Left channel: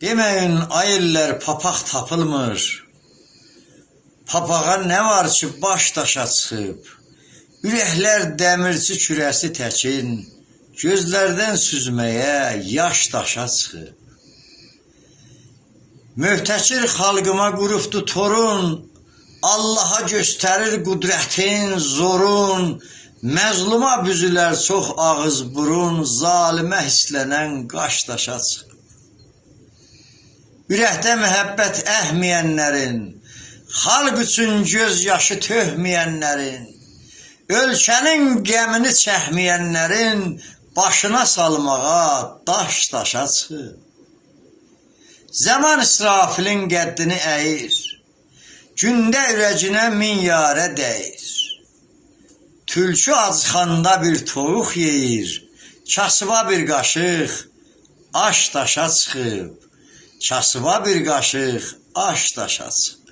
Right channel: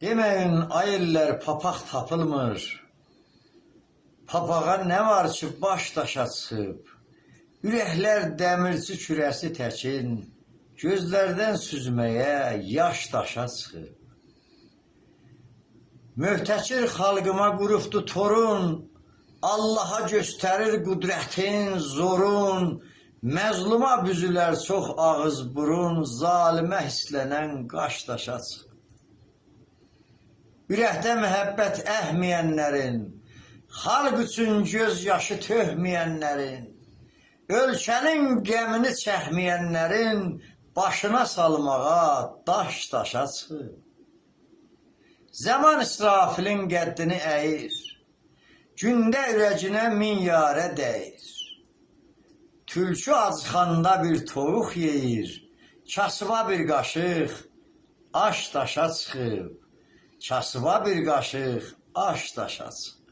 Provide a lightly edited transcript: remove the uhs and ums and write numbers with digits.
Demeyin ayırlar papaq tapılmır. Papağa ne var ki baş daşa çıxıb. Ürəklər dəmirçi kürəsi təkin, gözlərdən süzməyə yaş daşa çıxıb. Möhtəkir xalqıma qurubdu torun, Allaha göstərir qudrətin, zorun, məzluma büzülər çox ağız burun, zalimə hislənən qaş daşa çıxıb. Ürəkdə məhəbbət əhməyənlərin, xalq üçün göz yaşı töhməyənlərin, ölkənin gəmini çəkməyənlərin başına salmağa daş daşa çıxıb. Zaman İsrafilin qəddini əyir, gündə ürəcinə min yarə dəyir. Tülkü acıxanda bir toyuq yeyir, kasıba bir qaşıq aş daşa çıxıb. Kasıba bir qaşıq aş daşa çıxıb.